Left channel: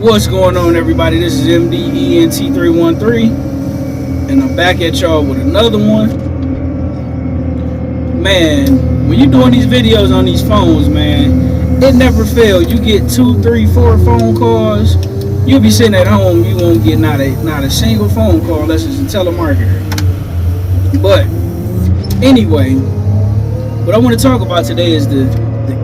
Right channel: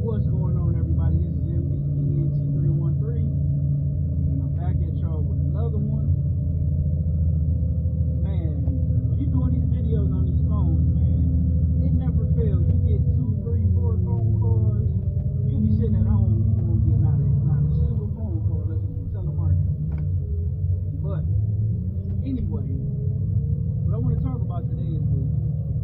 What's going on, everybody? This is MDENT313, and I'm back at y'all with another one. Man, when you're doing these videos on these phones, man, it never fails. You get 2, 3, 4 phone calls. You'll be sitting at home, you won't get not a single phone call unless it's a telemarketer. But anyway, what I want to talk about today is the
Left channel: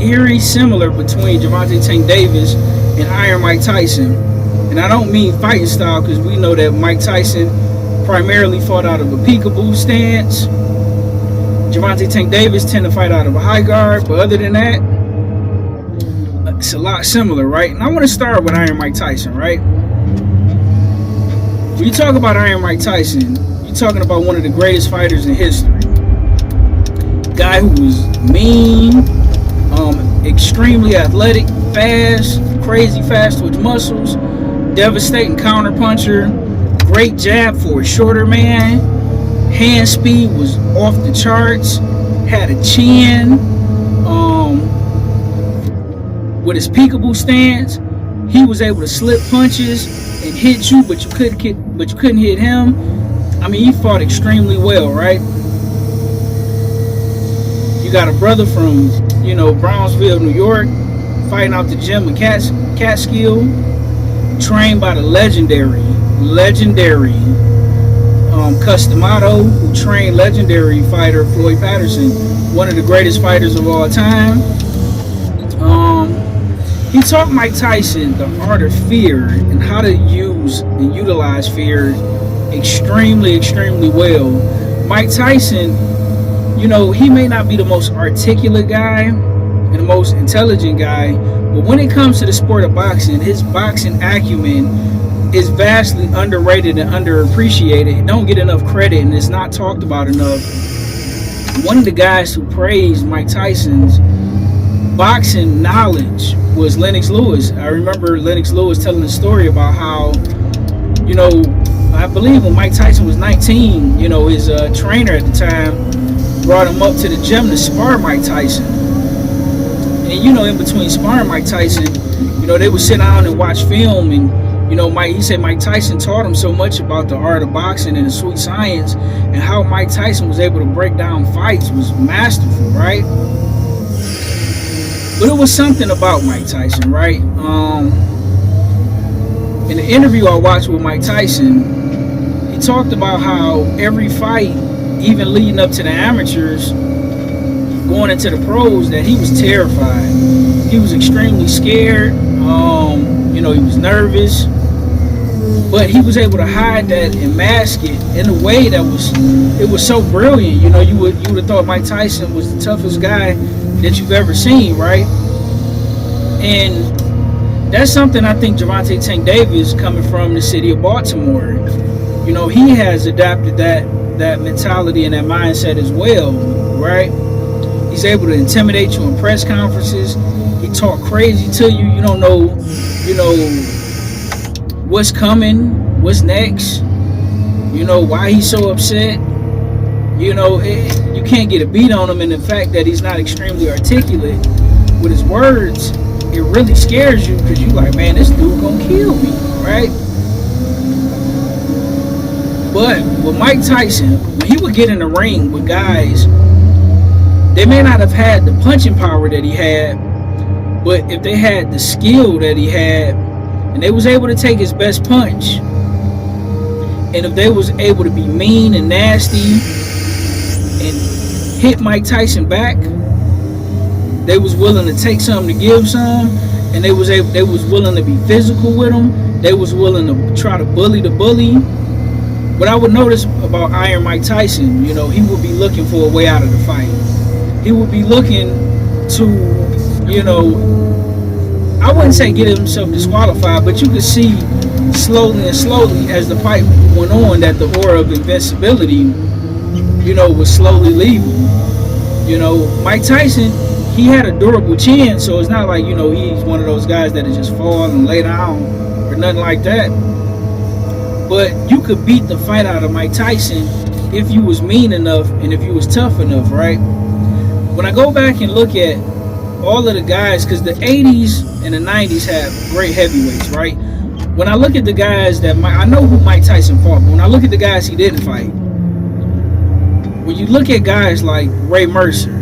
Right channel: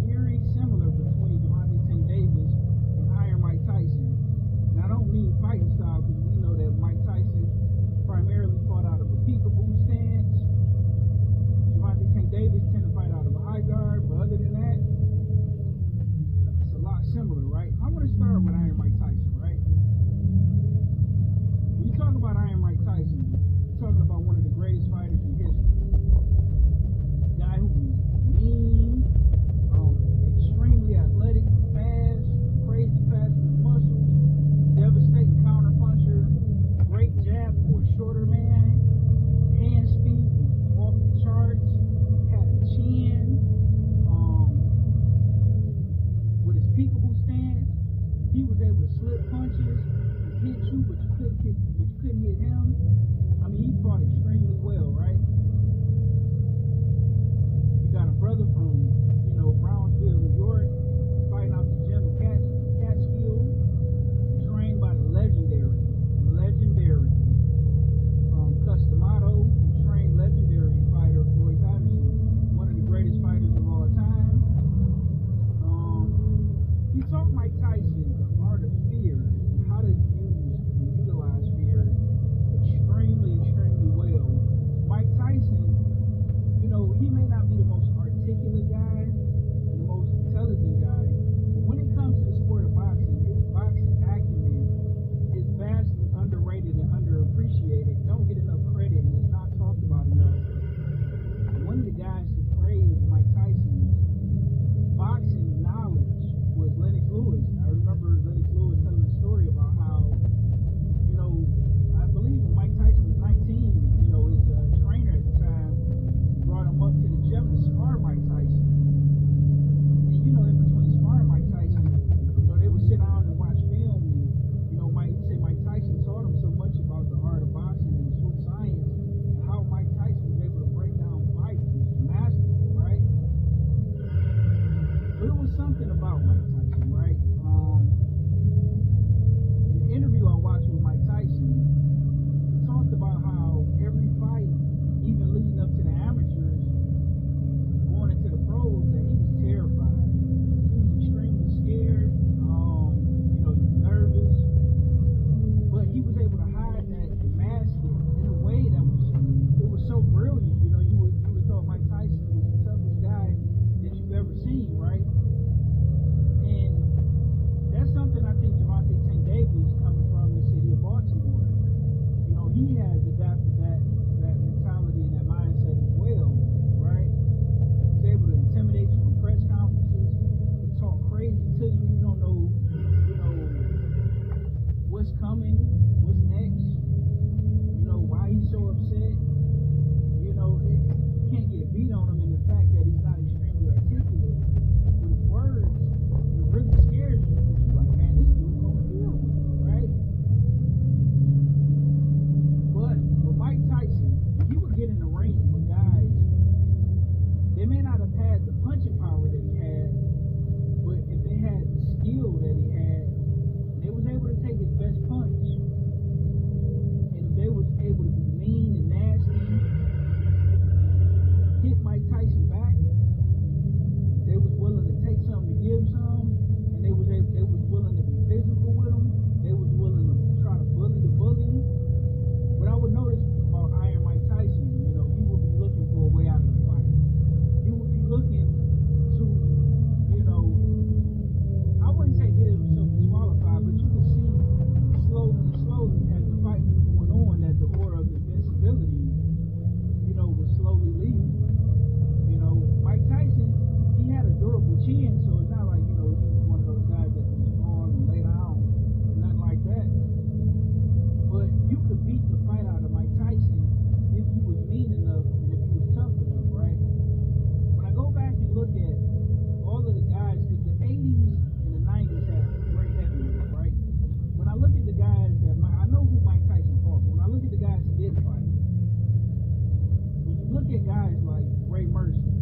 eerie similar between Gervonta Davis and Iron Mike Tyson. And I don't mean fighting style, because we know that Mike Tyson primarily fought out of a peekaboo stance. Gervonta Davis tend to fight out of a high guard, but other than that, it's a lot similar, right? And I want to start with Iron Mike Tyson, right? When you talk about Iron Mike Tyson, you're talking about one of the greatest fighters in history. Guy who was mean, extremely athletic, fast, crazy fast twitch muscles, devastating counter puncher, great jab for a shorter man, hand speed was off the charts, had a chin, with his peekaboo stance, he was able to slip punches and hit you, but you couldn't hit him. I mean, he fought extremely well, right? You got a brother from, Brownsville, New York, fighting out the gym in Catskill, trained by the legendary Customato, who trained legendary fighter Floyd Patterson, one of the greatest fighters of all time. He taught Mike Tyson the art of fear and how to use and utilize fear extremely, extremely well. Mike Tyson, he may not be the most articulate guy and the most intelligent guy, but when it comes to the sport of boxing, his boxing acumen is vastly underrated and underappreciated. It don't get enough credit, and it's not talked about enough. One of the guys who praised Mike Tyson's boxing knowledge was Lennox Lewis. I remember Lennox Lewis telling a story about how, I believe when Mike Tyson was 19, his trainer at the time brought him up to the gym to spar Mike Tyson. And in between sparring Mike Tyson, they would sit down and watch film, and he said Mike Tyson taught him so much about the art of boxing and the sweet science, and how Mike Tyson was able to break down fights was masterful, right? But it was something about Mike Tyson, right? In the interview I watched with Mike Tyson, he talked about how every fight, even leading up to the amateurs, going into the pros, that he was terrified. He was extremely scared. He was nervous, but he was able to hide that and mask it in a way that was so brilliant. You would have thought Mike Tyson was the toughest guy that you've ever seen, right? And that's something I think Gervonta Davis, coming from the city of Baltimore, he has adapted that mentality and that mindset as well, right? He's able to intimidate you in press conferences. He talk crazy to you. You don't know, what's coming, what's next, why he's so upset. You can't get a beat on him, and the fact that he's not extremely articulate with his words, it really scares you, because you're like, man, this dude gonna kill me, right? But with Mike Tyson, when he would get in the ring with guys, they may not have had the punching power that he had, but if they had the skill that he had, and they was able to take his best punch, and if they was able to be mean and nasty and hit Mike Tyson back, they was willing to take something to give some, and they was willing to be physical with him. They was willing to try to bully the bully. What I would notice about Iron Mike Tyson, he would be looking for a way out of the fight. He would be looking to, I wouldn't say get himself disqualified, but you could see slowly and slowly as the fight went on that the aura of invincibility, was slowly leaving. Mike Tyson, he had a durable chin, so it's not like, he's one of those guys that just fall and lay down or nothing like that. But you could beat the fight out of Mike Tyson if you was mean enough and if you was tough enough, right? When I go back and look at all of the guys, because the 80s and the 90s had great heavyweights, right? when I look at the guys that I know who Mike Tyson fought, but when I look at the guys he didn't fight, when you look at guys like Ray Mercer,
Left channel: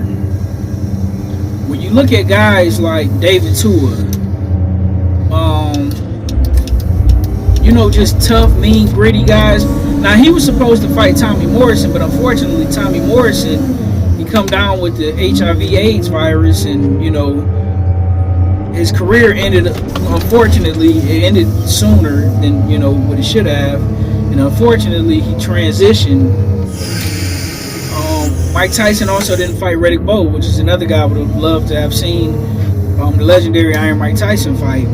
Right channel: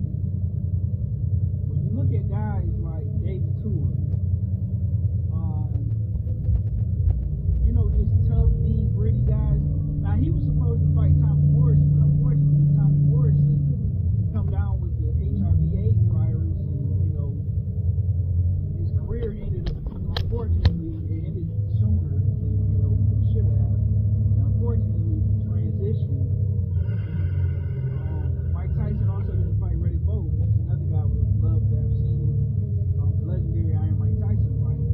when you look at guys like David Tua, just tough, mean, gritty guys. Now, he was supposed to fight Tommy Morrison, but unfortunately, Tommy Morrison, he come down with the HIV/AIDS virus, and, his career ended, unfortunately, it ended sooner than, what it should have. And unfortunately, he transitioned. Mike Tyson also didn't fight Riddick Bowe, which is another guy I would have loved to have seen the legendary Iron Mike Tyson fight.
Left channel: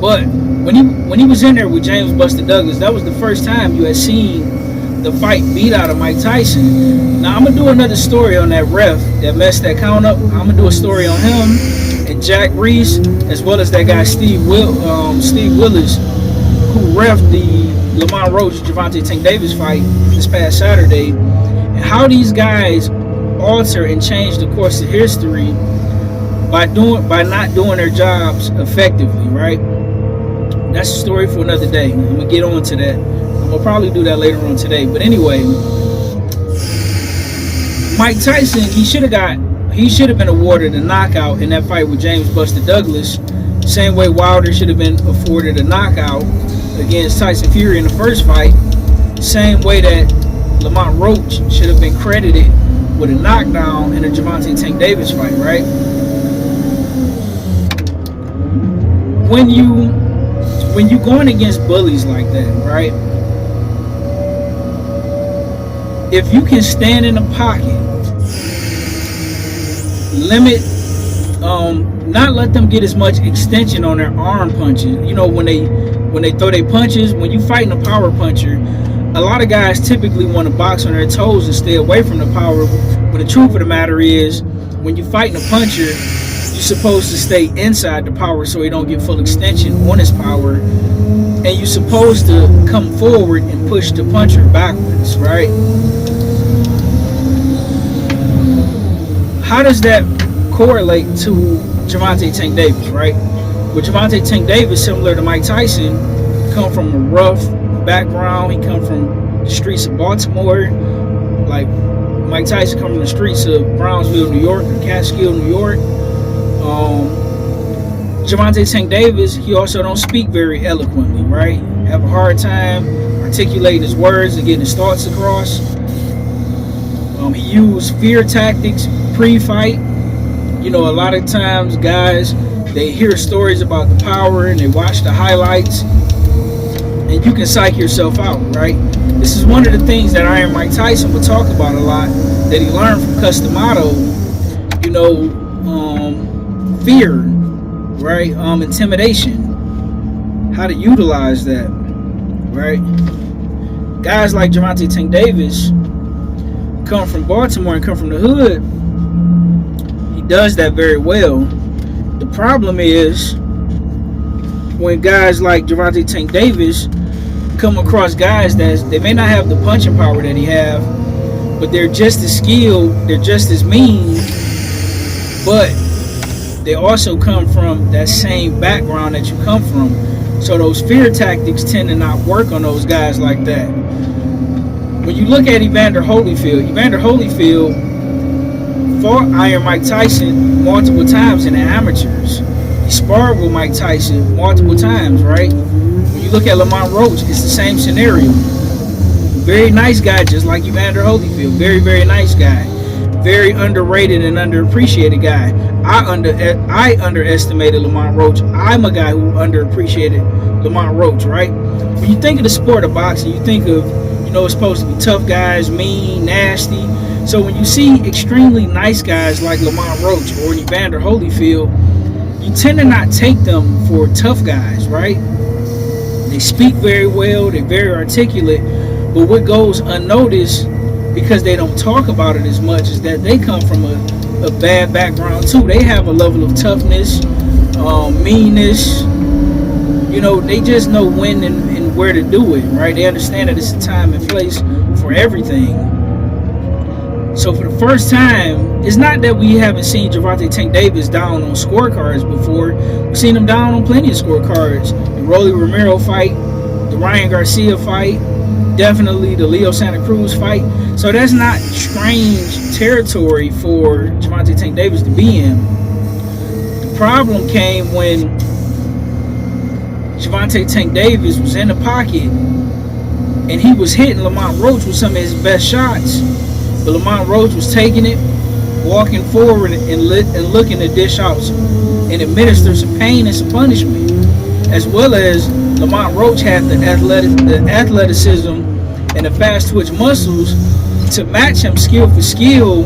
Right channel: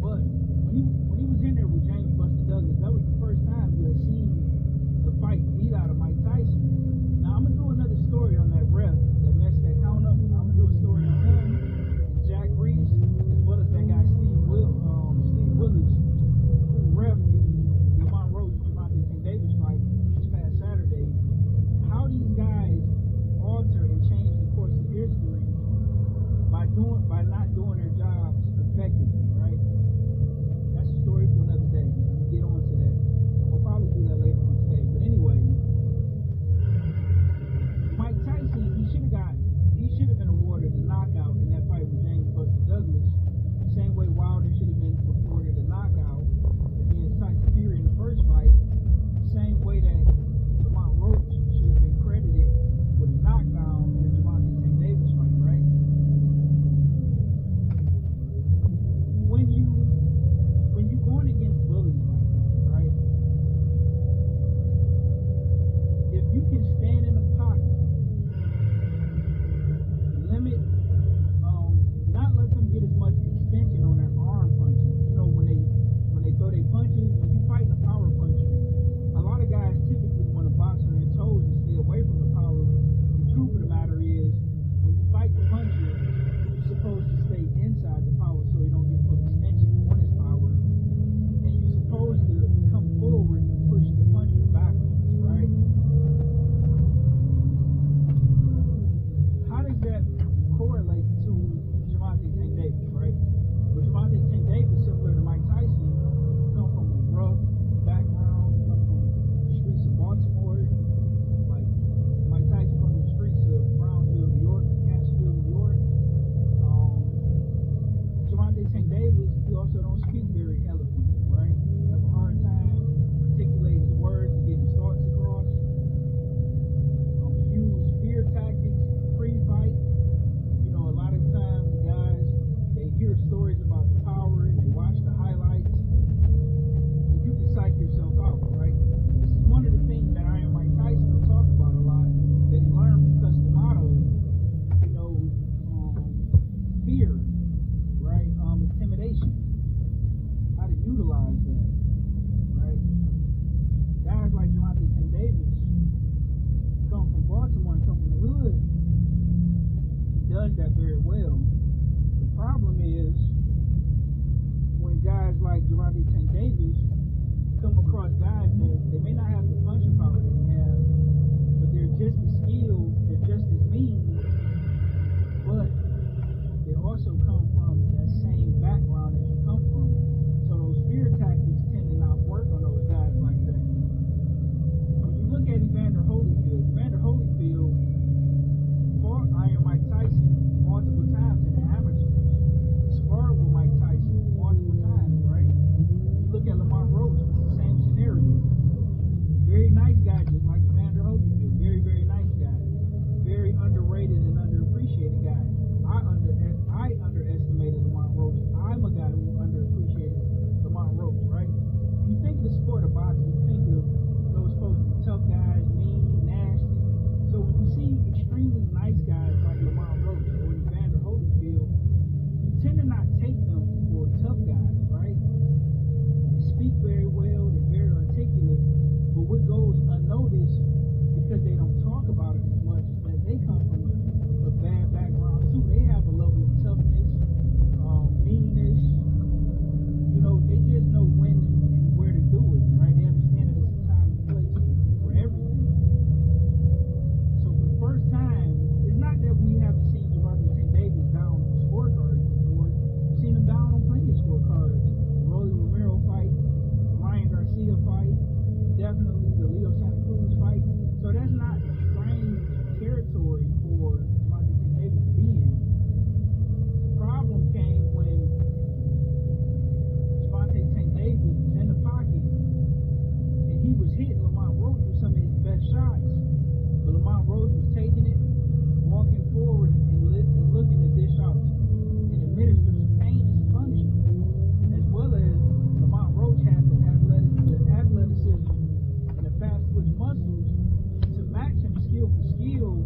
But when he was in there with James Buster Douglas, that was the first time you had seen the fight beat out of Mike Tyson. Now, I'm going to do another story on that ref that messed that count up. I'm going to do a story on him and Jack Reese, as well as that guy Steve Willis, who reffed the Lamont Roach Gervonta Tank Davis fight this past Saturday, and how these guys alter and change the course of history by not doing their jobs effectively, right? That's a story for another day. I'm gonna get on to that. I'm gonna probably do that later on today. But anyway, Mike Tyson, he should have been awarded a knockout in that fight with James Buster Douglas. Same way Wilder should have been afforded a knockout against Tyson Fury in the first fight. Same way that Lamont Roach should have been credited with a knockdown in the Gervonta Tank Davis fight, right? When you going against bullies like that, right? If you can stand in the pocket, limit, not let them get as much extension on their arm punches. When they throw their punches, when you fighting a power puncher, a lot of guys typically want to box on their toes and stay away from the power. But the truth of the matter is, when you fighting a puncher, you're supposed to stay inside the power so he don't get full extension on his power. And you're supposed to come forward and push the puncher backwards, right? How does that correlate to Gervonta Tank Davis, right? With Gervonta Tank Davis, similar to Mike Tyson, come from a rough background. He come from the streets of Baltimore. Like Mike Tyson come from the streets of Brownsville, New York, or Catskill, New York. Gervonta Tank Davis, he also don't speak very eloquently, right? Have a hard time articulating his words and getting his thoughts across. He used fear tactics pre-fight. A lot of times guys, they hear stories about the power and they watch the highlights, and you can psych yourself out, right? This is one of the things that Iron Mike Tyson would talk about a lot, that he learned from Customato, fear, right? Intimidation, how to utilize that, right? Guys like Gervonta Tank Davis come from Baltimore and come from the hood. He does that very well. The problem is when guys like Gervonta Tank Davis come across guys that they may not have the punching power that he have, but they're just as skilled, they're just as mean, but they also come from that same background that you come from. So those fear tactics tend to not work on those guys like that. When you look at Evander Holyfield fought Iron Mike Tyson multiple times in the amateurs. He sparred with Mike Tyson multiple times, right? When you look at Lamont Roach, it's the same scenario. Very nice guy, just like Evander Holyfield. Very, very nice guy. Very underrated and underappreciated guy. I underestimated Lamont Roach. I'm a guy who underappreciated Lamont Roach, right? When you think of the sport of boxing, you think of, it's supposed to be tough guys, mean, nasty. So when you see extremely nice guys like Lamont Roach or Evander Holyfield, you tend to not take them for tough guys, right? They speak very well, they're very articulate, but what goes unnoticed, because they don't talk about it as much, is that they come from a bad background too. They have a level of toughness, meanness. They just know when and where to do it, right? They understand that it's a time and place for everything. So for the first time, it's not that we haven't seen Gervonta Tank Davis down on scorecards before. We've seen him down on plenty of scorecards. The Rolly Romero fight, the Ryan Garcia fight, definitely the Leo Santa Cruz fight. So that's not strange territory for Gervonta Tank Davis to be in. The problem came when Gervonta Tank Davis was in the pocket and he was hitting Lamont Roach with some of his best shots. But Lamont Roach was taking it, walking forward and looking to dish out and administer some pain and some punishment. As well as Lamont Roach had the athleticism and the fast twitch muscles to match him skill for skill,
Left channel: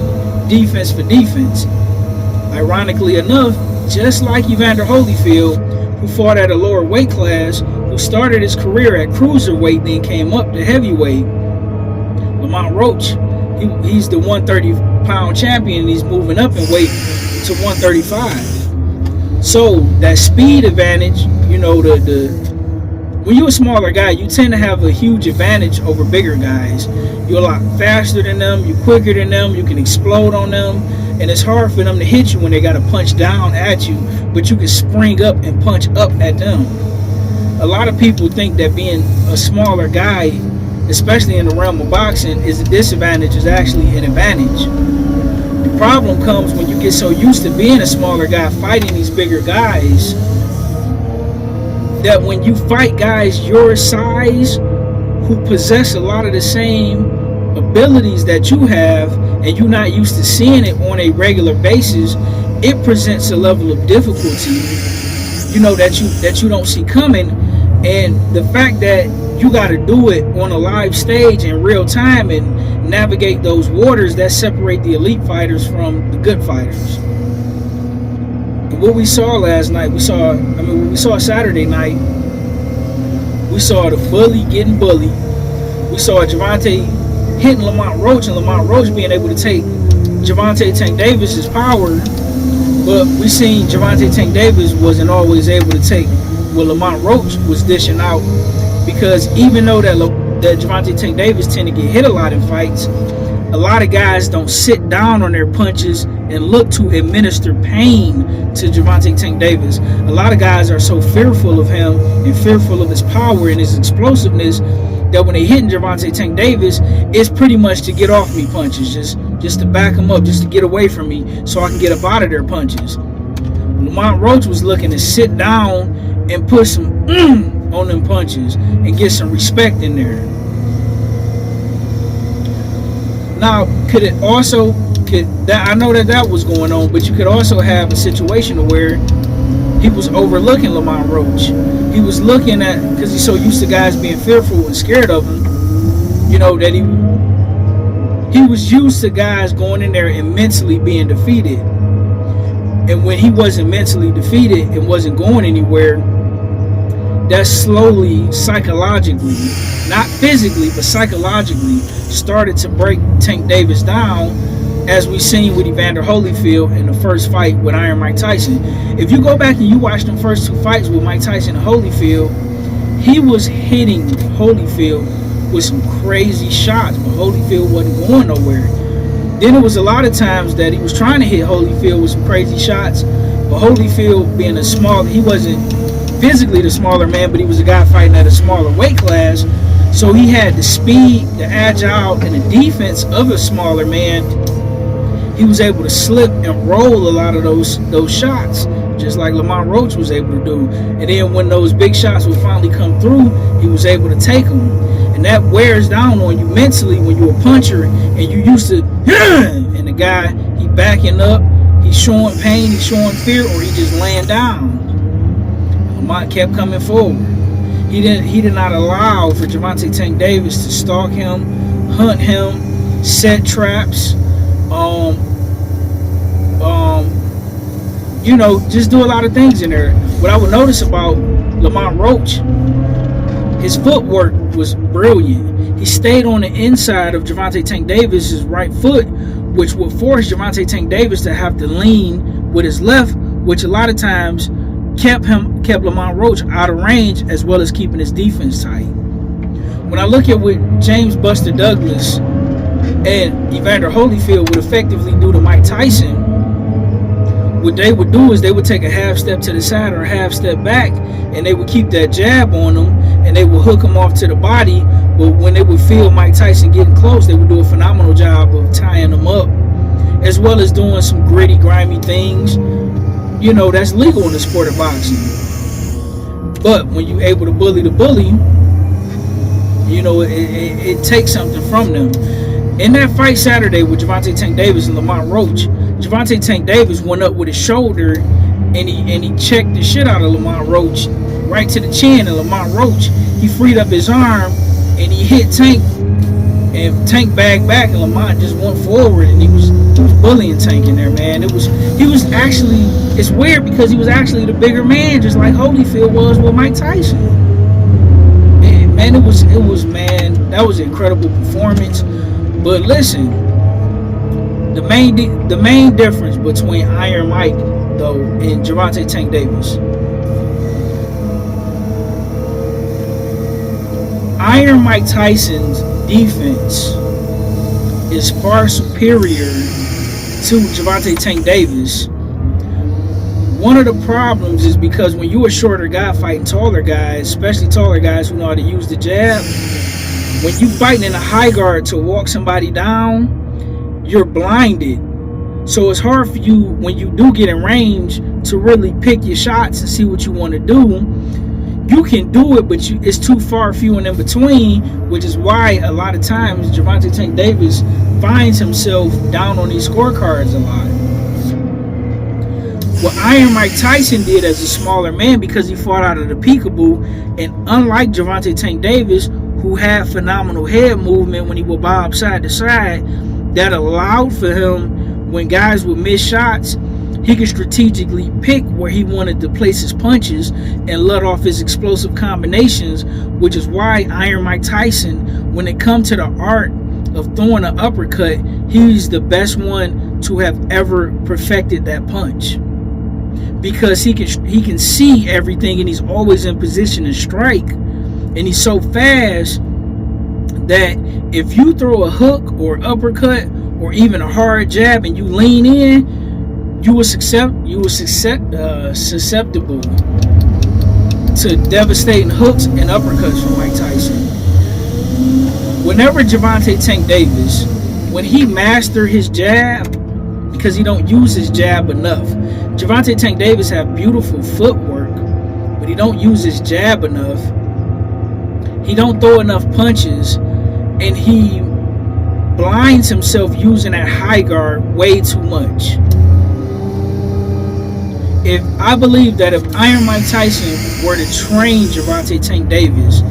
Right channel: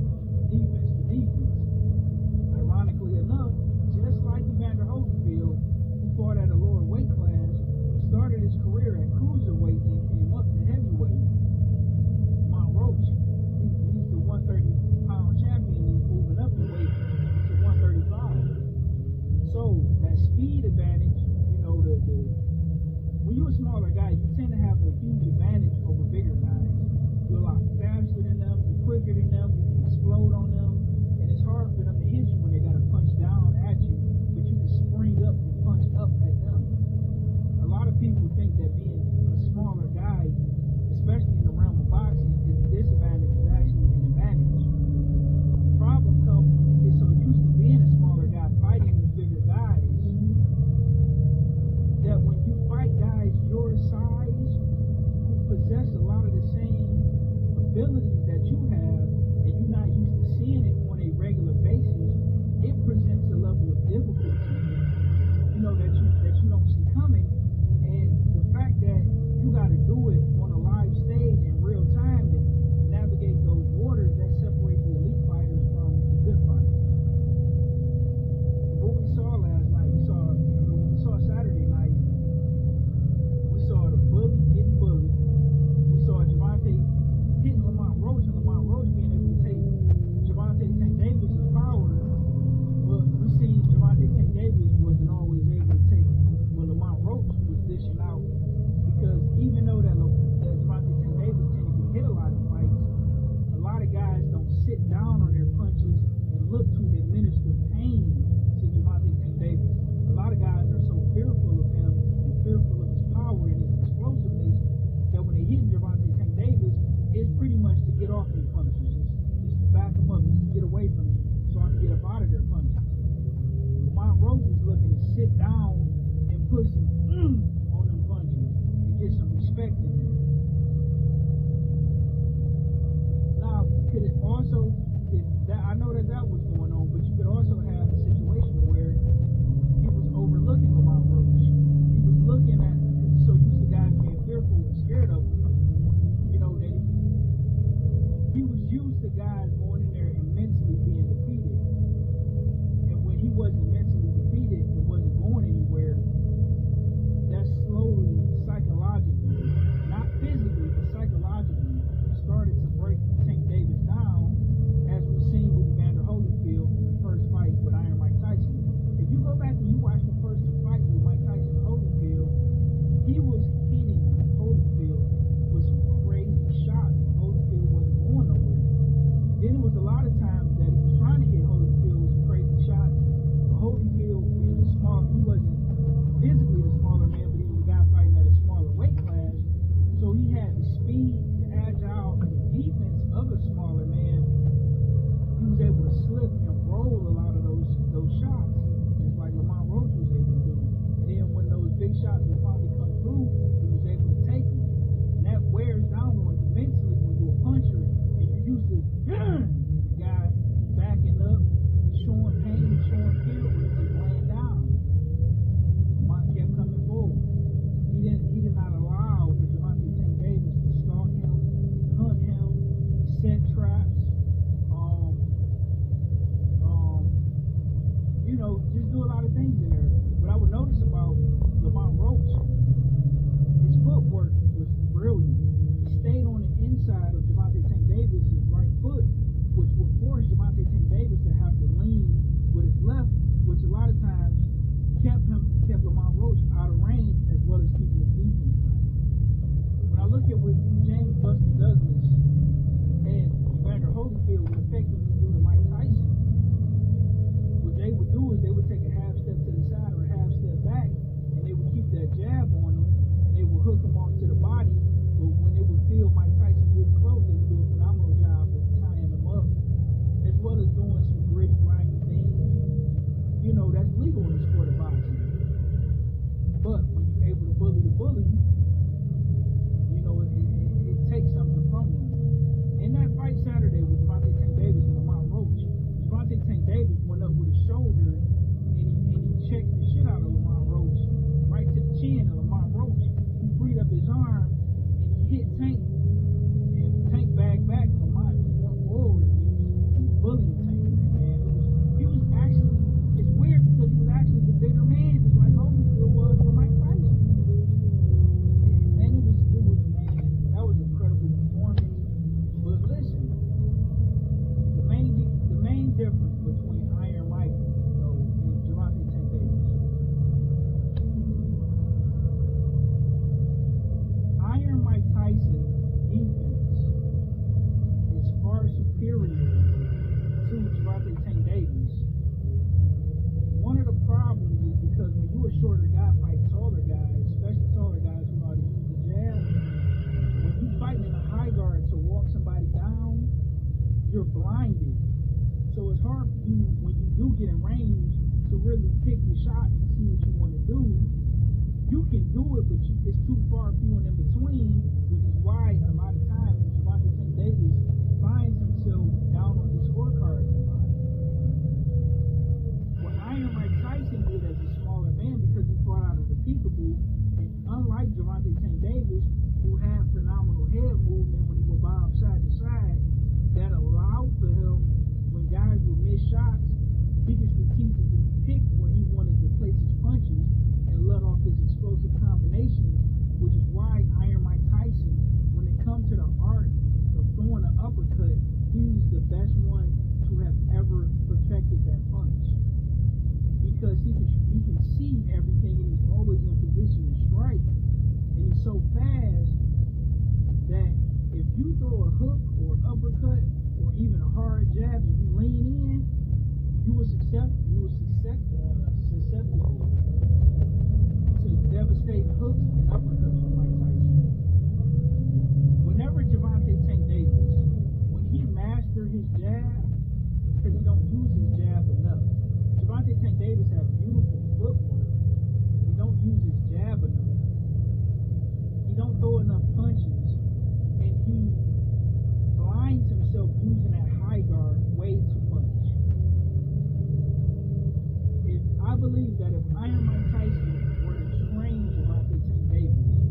defense for defense. Ironically enough, just like Evander Holyfield, who fought at a lower weight class, who started his career at cruiserweight, then came up to heavyweight, Lamont Roach, he's the 130-pound champion, and he's moving up in weight to 135. So that speed advantage, you know, when you're a smaller guy, you tend to have a huge advantage over bigger guys. You're a lot faster than them, you're quicker than them, you can explode on them, and it's hard for them to hit you when they got to punch down at you, but you can spring up and punch up at them. A lot of people think that being a smaller guy, especially in the realm of boxing, is a disadvantage, is actually an advantage. The problem comes when you get so used to being a smaller guy fighting these bigger guys that when you fight guys your size who possess a lot of the same abilities that you have and you're not used to seeing it on a regular basis, it presents a level of difficulty, you know, that you don't see coming. And the fact that you got to do it on a live stage in real time and navigate those waters that separate the elite fighters from the good fighters. And what we saw last night, what we saw Saturday night, we saw the bully getting bullied. We saw Gervonta hitting Lamont Roach and Lamont Roach being able to take Gervonta Tank Davis's power. But we seen Gervonta Tank Davis wasn't always able to take what Lamont Roach was dishing out. Because even though that Gervonta Tank Davis tend to get hit a lot in fights, a lot of guys don't sit down on their punches and look to administer pain to Gervonta Tank Davis. A lot of guys are so fearful of him and fearful of his power and his explosiveness that when they hitting Gervonta Tank Davis, it's pretty much to get off me punches, just to back him up, just to get away from me so I can get up out of their punches. Lamont Roach was looking to sit down and put some on them punches and get some respect in there. Now, I know that was going on, but you could also have a situation where he was overlooking Lamont Roach. He was looking at, because he's so used to guys being fearful and scared of him, you know, that he was used to guys going in there and mentally being defeated. And when he wasn't mentally defeated and wasn't going anywhere, that slowly, psychologically, not physically, but psychologically, started to break Tank Davis down, as we seen with Evander Holyfield in the first fight with Iron Mike Tyson. If you go back and you watch them first two fights with Mike Tyson and Holyfield, he was hitting Holyfield with some crazy shots, but Holyfield wasn't going nowhere. Then it was a lot of times that he was trying to hit Holyfield with some crazy shots, but Holyfield being he wasn't physically the smaller man, but he was a guy fighting at a smaller weight class, so he had the speed, the agile, and the defense of a smaller man. He was able to slip and roll a lot of those shots, just like Lamont Roach was able to do. And then when those big shots would finally come through, he was able to take them. And that wears down on you mentally when you're a puncher and you used to, and the guy, he backing up, he's showing pain, he's showing fear, or he just laying down. Lamont kept coming forward. He did not allow for Gervonta Tank Davis to stalk him, hunt him, set traps, you know, just do a lot of things in there. What I would notice about Lamont Roach, his footwork was brilliant. He stayed on the inside of Gervonta Tank Davis's right foot, which would force Gervonta Tank Davis to have to lean with his left, which a lot of times kept Lamont Roach out of range, as well as keeping his defense tight. When I look at what James Buster Douglas And Evander Holyfield would effectively do to Mike Tyson. What they would do is they would take a half step to the side or a half step back, and they would keep that jab on him, and they would hook him off to the body. But when they would feel Mike Tyson getting close, they would do a phenomenal job of tying him up, as well as doing some gritty, grimy things. You know, that's legal in the sport of boxing. But when you're able to bully the bully, you know, it takes something from them. In that fight Saturday with Gervonta Tank Davis and Lamont Roach, Gervonta Tank Davis went up with his shoulder and he checked the shit out of Lamont Roach right to the chin. And Lamont Roach, he freed up his arm and he hit Tank, and Tank bagged back, and Lamont just went forward, and he was bullying Tank in there, man. He was actually, it's weird because he was actually the bigger man, just like Holyfield was with Mike Tyson. And, man, it was man, that was an incredible performance. But listen, the main difference between Iron Mike though and Gervonta Tank Davis, Iron Mike Tyson's defense is far superior to Gervonta Tank Davis. One of the problems is because when you're a shorter guy fighting taller guys, especially taller guys who know how to use the jab, when you fighting in a high guard to walk somebody down, you're blinded. So it's hard for you, when you do get in range, to really pick your shots and see what you want to do. You can do it, but it's too far few and in between, which is why a lot of times Gervonta Tank Davis finds himself down on these scorecards a lot. What Iron Mike Tyson did as a smaller man, because he fought out of the peekaboo, and unlike Gervonta Tank Davis, who had phenomenal head movement when he would bob side to side, that allowed for him, when guys would miss shots, he could strategically pick where he wanted to place his punches and let off his explosive combinations, which is why Iron Mike Tyson, when it comes to the art of throwing an uppercut, he's the best one to have ever perfected that punch. Because he can see everything, and he's always in position to strike. And he's so fast that if you throw a hook or uppercut or even a hard jab and you lean in, you were susceptible to devastating hooks and uppercuts from Mike Tyson. Whenever Gervonta Tank Davis, when he mastered his jab, because he don't use his jab enough. Gervonta Tank Davis have beautiful footwork, but he don't use his jab enough. He don't throw enough punches, and he blinds himself using that high guard way too much. I believe that if Iron Mike Tyson were to train Gervonta Tank Davis,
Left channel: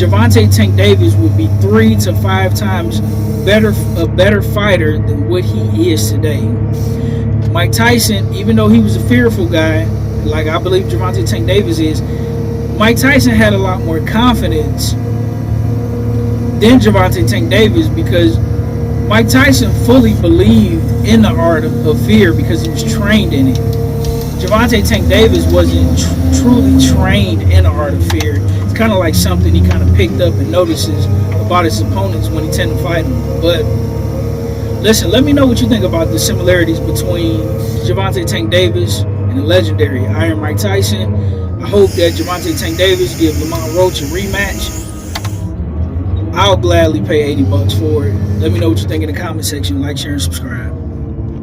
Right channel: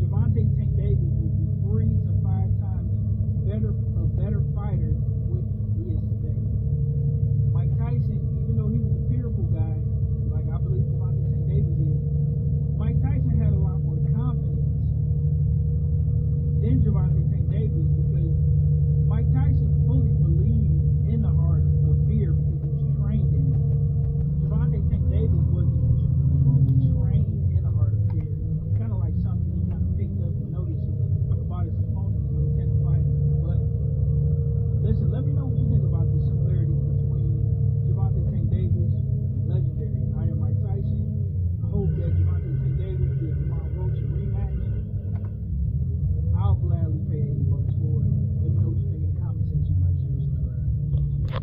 Gervonta Tank Davis would be 3 to 5 times a better fighter than what he is today. Mike Tyson, even though he was a fearful guy, like I believe Gervonta Tank Davis is, Mike Tyson had a lot more confidence than Gervonta Tank Davis, because Mike Tyson fully believed in the art of fear because he was trained in it. Gervonta Tank Davis wasn't truly trained in the art of fear. It's kind of like something he kind of picked up and notices about his opponents when he tend to fight them. But listen, let me know what you think about the similarities between Gervonta Tank Davis and the legendary Iron Mike Tyson. I hope that Gervonta Tank Davis give Lamont Roach a rematch. I'll gladly pay $80 for it. Let me know what you think in the comment section. Like, share, and subscribe.